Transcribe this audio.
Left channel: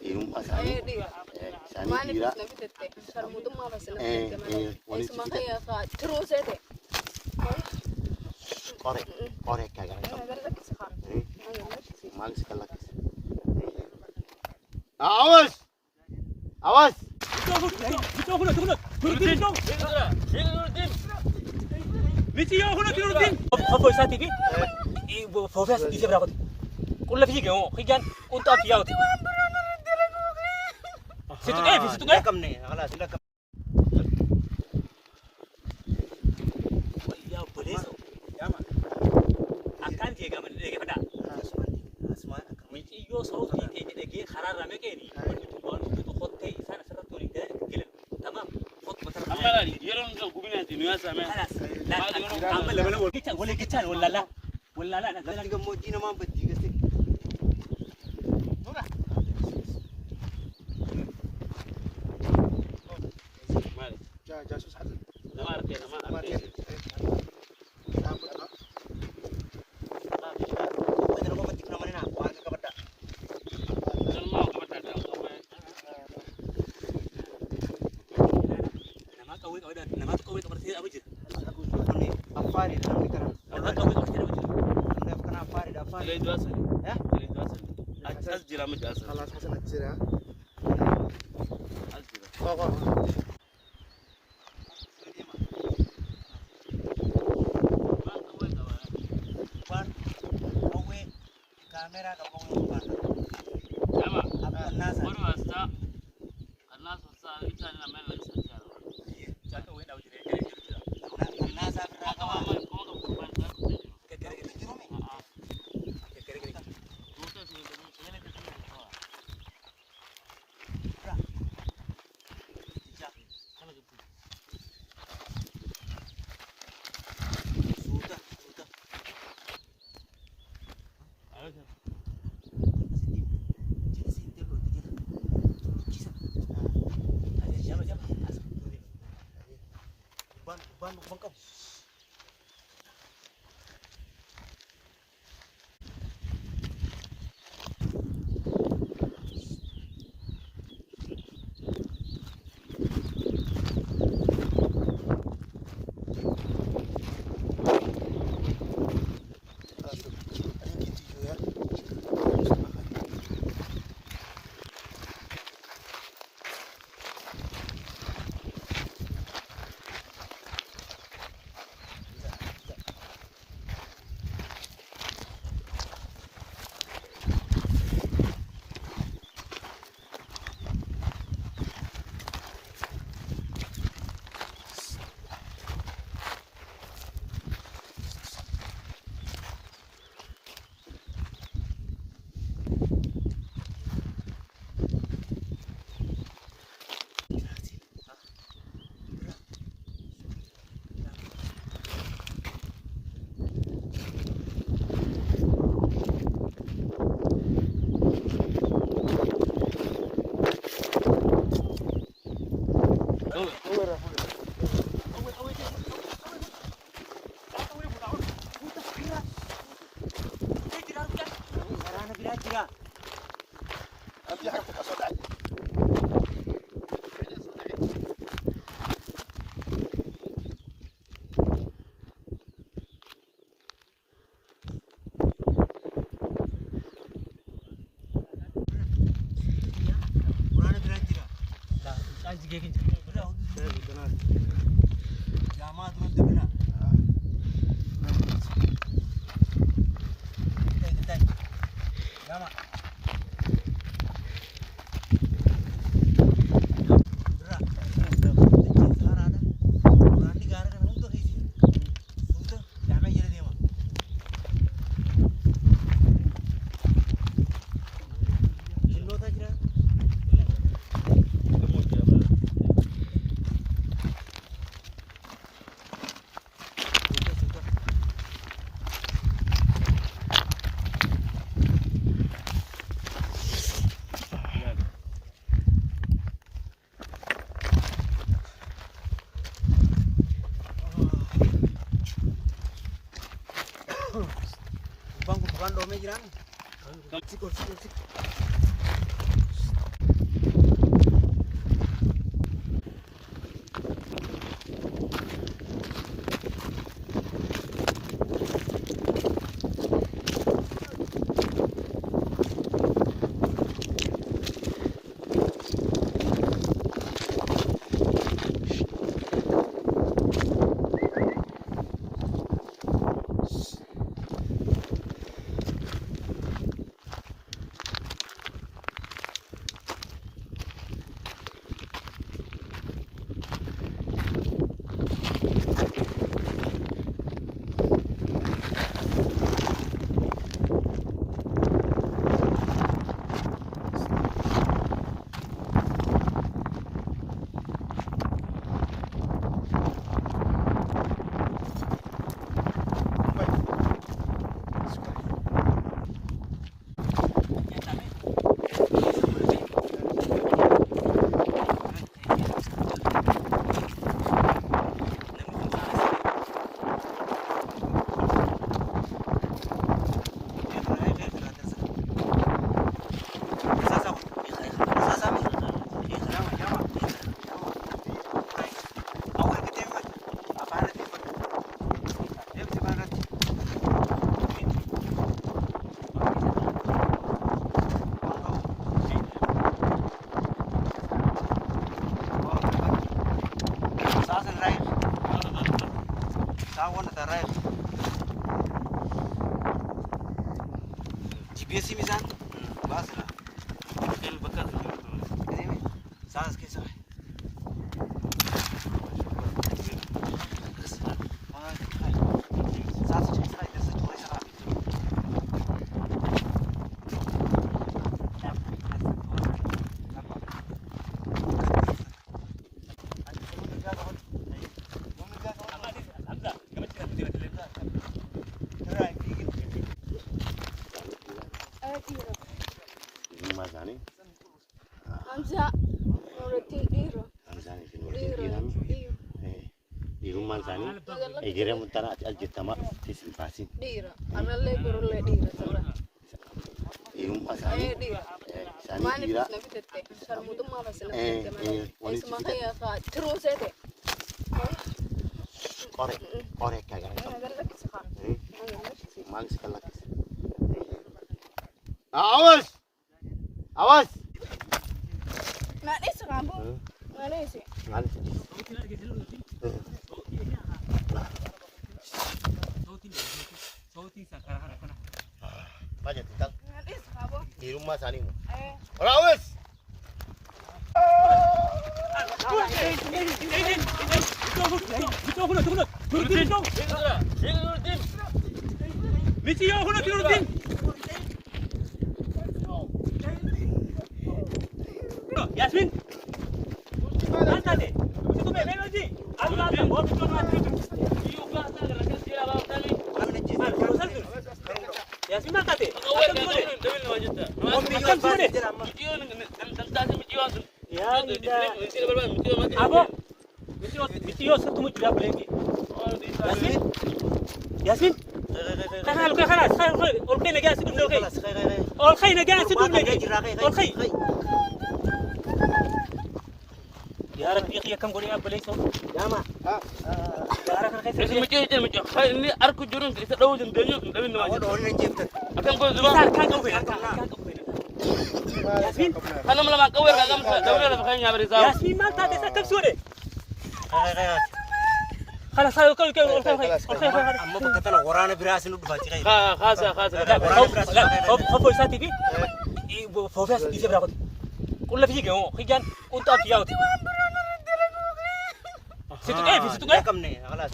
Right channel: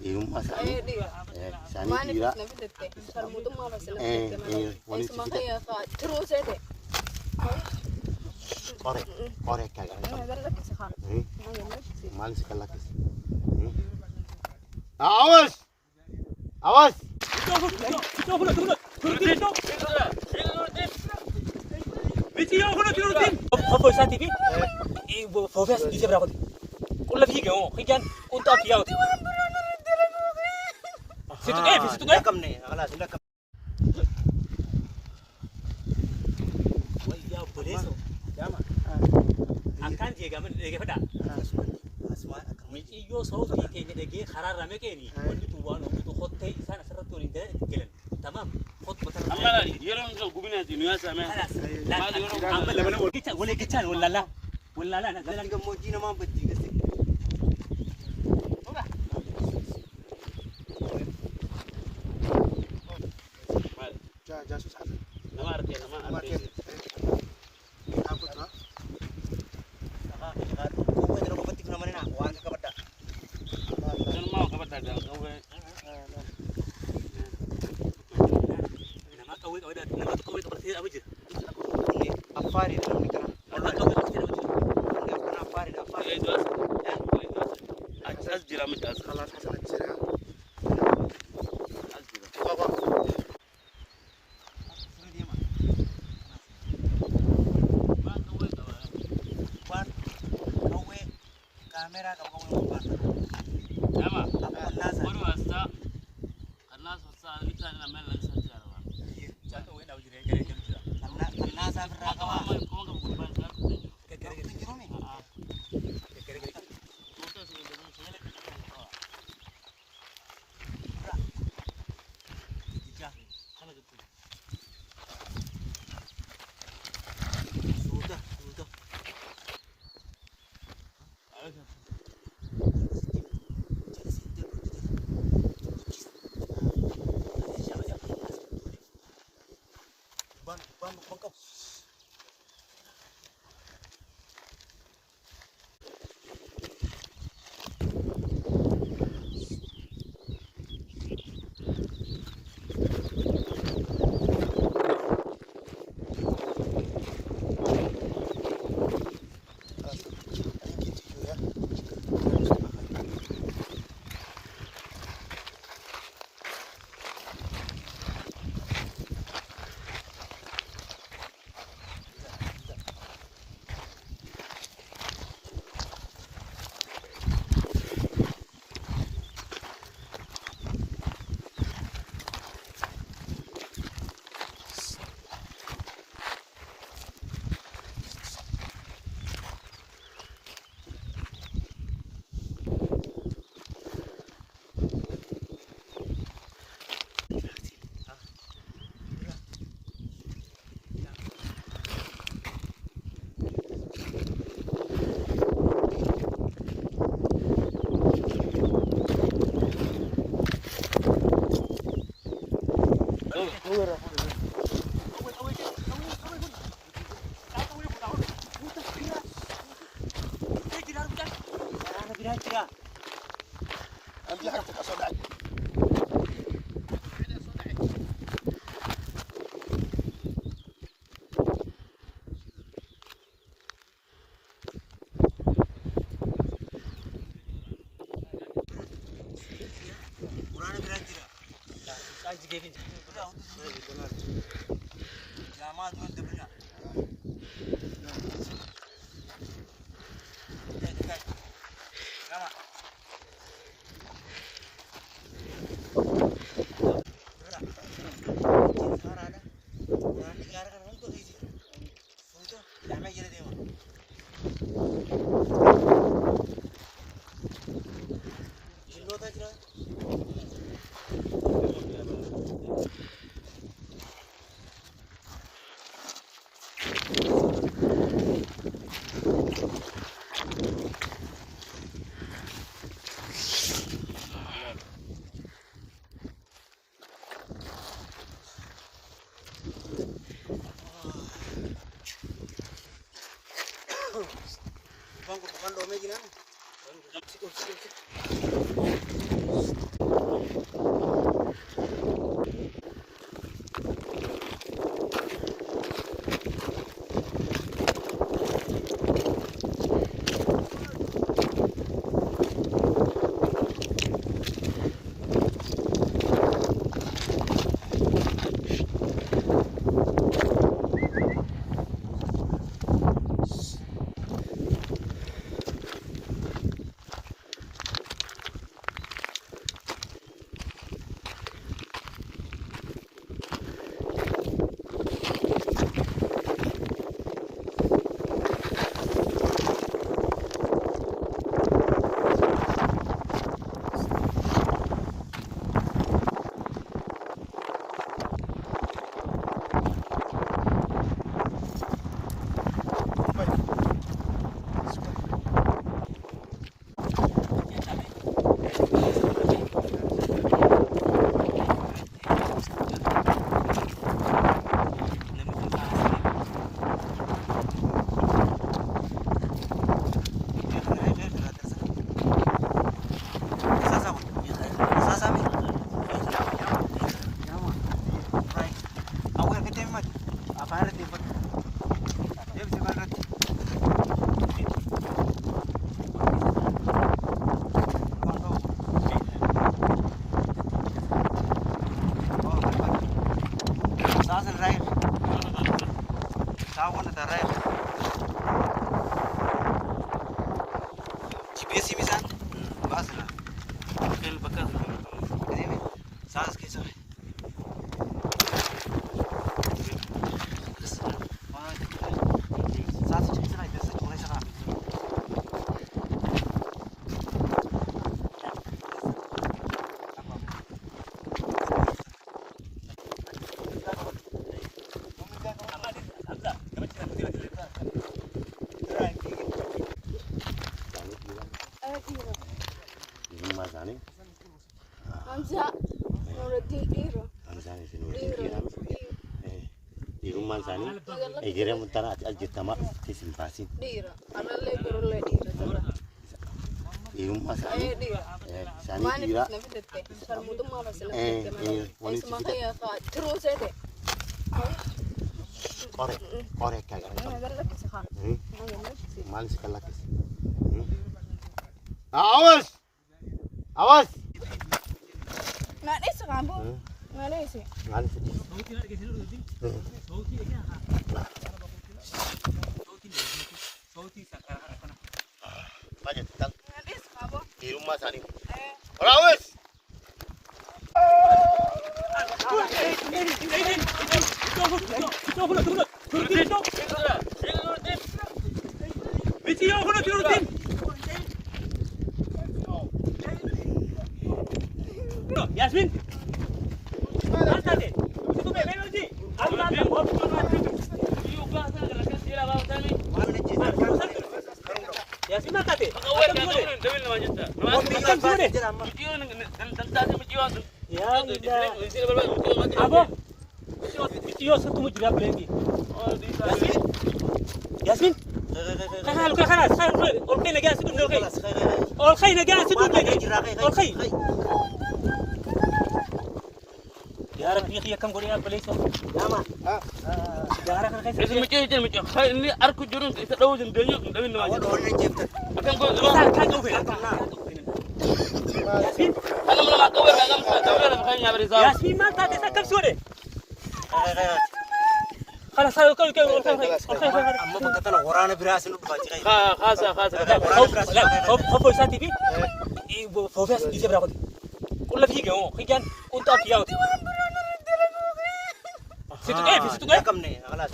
Eenyummaa isaanii Maaliif dhiira. namni jettee sarmuutummaa basila Waliin Isuma kayyaa tiruu seete. Qoree akka garaa. Galakkisi haa. Maal si kallakkisi? Awas! Awas! Video kuna kirutin. Apa saat ini? Fokus di seberapa? Kulla figa oh, kian untuk apa ya? Situ kan? Kam nih, alah sudah kam. Ya boleh so. Akan dia gaman dia pada. Asma akan. Mesti yo sorot ni dia kharar rame ke ni. Tu hotel sana serat tu ni dah gelan. Tamam. Hot betul. Amma ni, yaron ka gubina ti nuya sama. Kita boleh kecan wala la nak Jalan ke moji nama beti ke sih. Jasus ada. Nama arti. Apa tu? Kau ni rokok beti nama ni nak. Warga kepada. Jangan mau ka bata da. nama kau ada nama kau itu bersih apa je? Ni afari dalam ni kan. Nama kau bersih apa je? Bukan afari. Ile juasa. Ile juasa. Asjira mit as. Kalau saya cerita. Asjira. Kau. Kamera kalau kau bukan. Jama. Apa nasa? Baru asa. Karena susah kita nak main lagi saja. Cakap weh dah jadi. Nasa berapa? Kau ka kurban sa. Ban kau. Bang, bukan domenya jiran. Saas keessa. Rumah sana. Hamza Nuruddin Iro. Hamzaan isin wajjin dhiirame. Di rumah sana. Egeree murtaan ajjettama keessa baasin. Dira. Anallee gorollee dira sirra. Di rumah sana. Dira. Sana Maaliif dhiira. na fidette? Sarmutummaa basila walitti Isma fida. kaya ka tiruu seete. Qore akka gara. Nagallatti safa. Maal si kallakis. Awas! Awas! Nadhisi kambu. Nadhisi. Maal si. Sauti sekarang apa? Aja tentang Nadhisi kambu. di rumah sana. Awas! Video aku nak Nuruddin. Yasmin. Mana deh? Itu benar lagi. Aku nak bawa betul mati. Yasmin mana deh? Akan dua deh. Akan dua deh. Ya tidak. Abo. Video satu mau juga berhenti. Yasmin. Yasmin. خلاص خلاص الخي نجاس تقول له الخي نجاس تقول له الخي يا رب يا اخي كم قولي اب ليش يا ما يا رب الخي اسم مجيء مجيء خير أركو جرون تدوج الدنيا دبين ما جت أكمل كل كان قوي ياسمين أنا ما قوي أنا دولة بخير يا بريزاو ياسمين ما انت تسكب سوري خلاص خلاص الخي Amma bakka tana waraana biraa sin dhufaa jira. خاصة هو ساتي دي فوفاس دي سبرا كل فيك هو خيجان كنت افياوت ستو كيف Kamne, khalas